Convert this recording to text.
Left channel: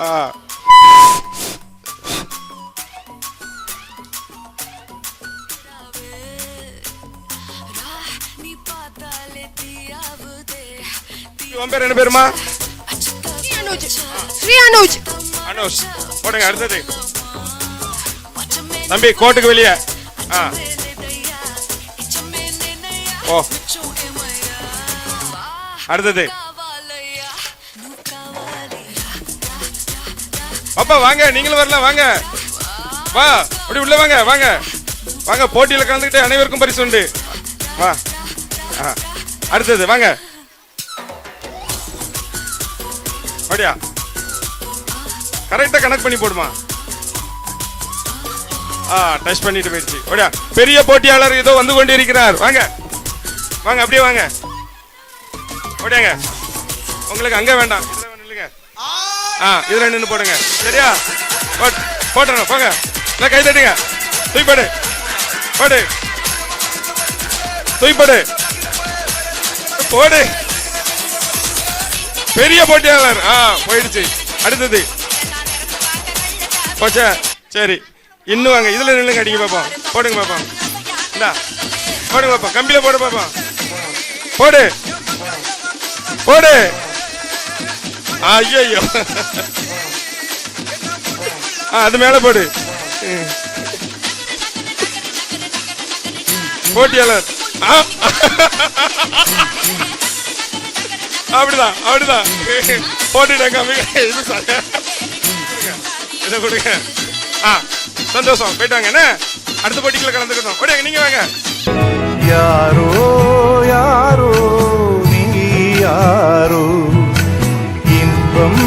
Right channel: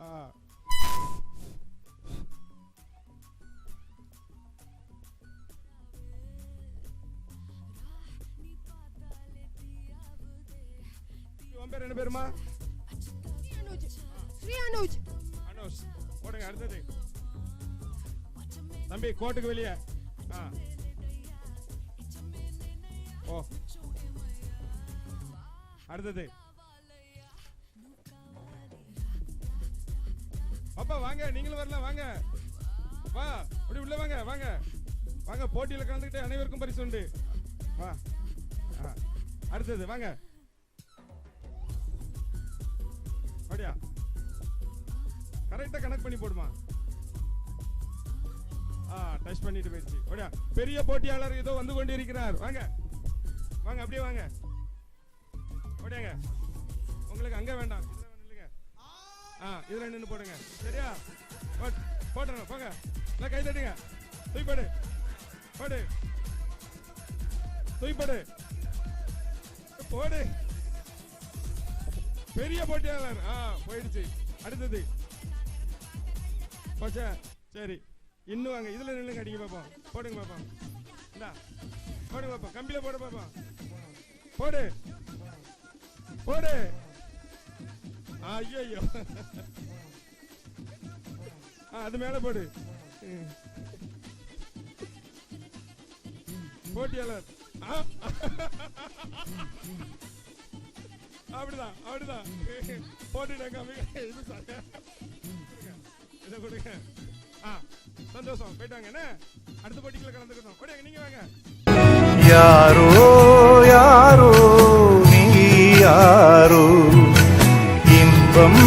உன் பேர் என்ன பேருமா? ஸ்ரீ அனுஜ். அனுஷ் போடுங்க. அடுத்தது தம்பி கோட்டுக்கு வெளியே. ஓ அடுத்தது அப்பா வாங்க, நீங்களும் வரலாம், வாங்க வா, அப்படி உள்ள வாங்க, வாங்க வாங்க, போட்டியில கலந்துக்கிட்டு அனைவருக்கும் பரிசு உண்டு, வா. அடுத்தது வாங்க, அப்படியா கரெக்டா கனெக்ட் பண்ணி போடுமா. டச் பண்ணிட்டு போயிடுச்சு. அப்படியா பெரிய போட்டியாளர் ஏதோ வந்து கொண்டு இருக்கிறார். வாங்க வாங்க, அப்படியே வாங்க, அப்படியாங்க. உங்களுக்கு அங்க வேண்டாம், இதுல நின்று போடுங்க. சரியா போட்டுறோம். போங்க, கை தட்டுங்க. தூய்படு போடு, தூய்படு போடு. பெரிய போட்டியாளர் போயிடுச்சு. அடுத்தது போச்சா? சரி, இன்னும் வாங்க, இதுல நில்லுங்க, அடிக்க பாப்போம். போடுங்க பாப்போம், இந்தா போடுங்க பாப்போம், கம்பியில போடு பாப்போம், போடு போடு. ஐயோ, அது மேல போடு. போட்டியாளர் அப்படிதான் அப்படிதான் போட்டுட்டாங்க. இதை கொடுங்க. சந்தோஷம், போயிட்டாங்க. என்ன அடுத்த போட்டிக்குள்ள கலந்துக்கணும். ஓடியாங்க, நீங்க வாங்க. யாரோ யாரோ நீ யாரோ இன்பம்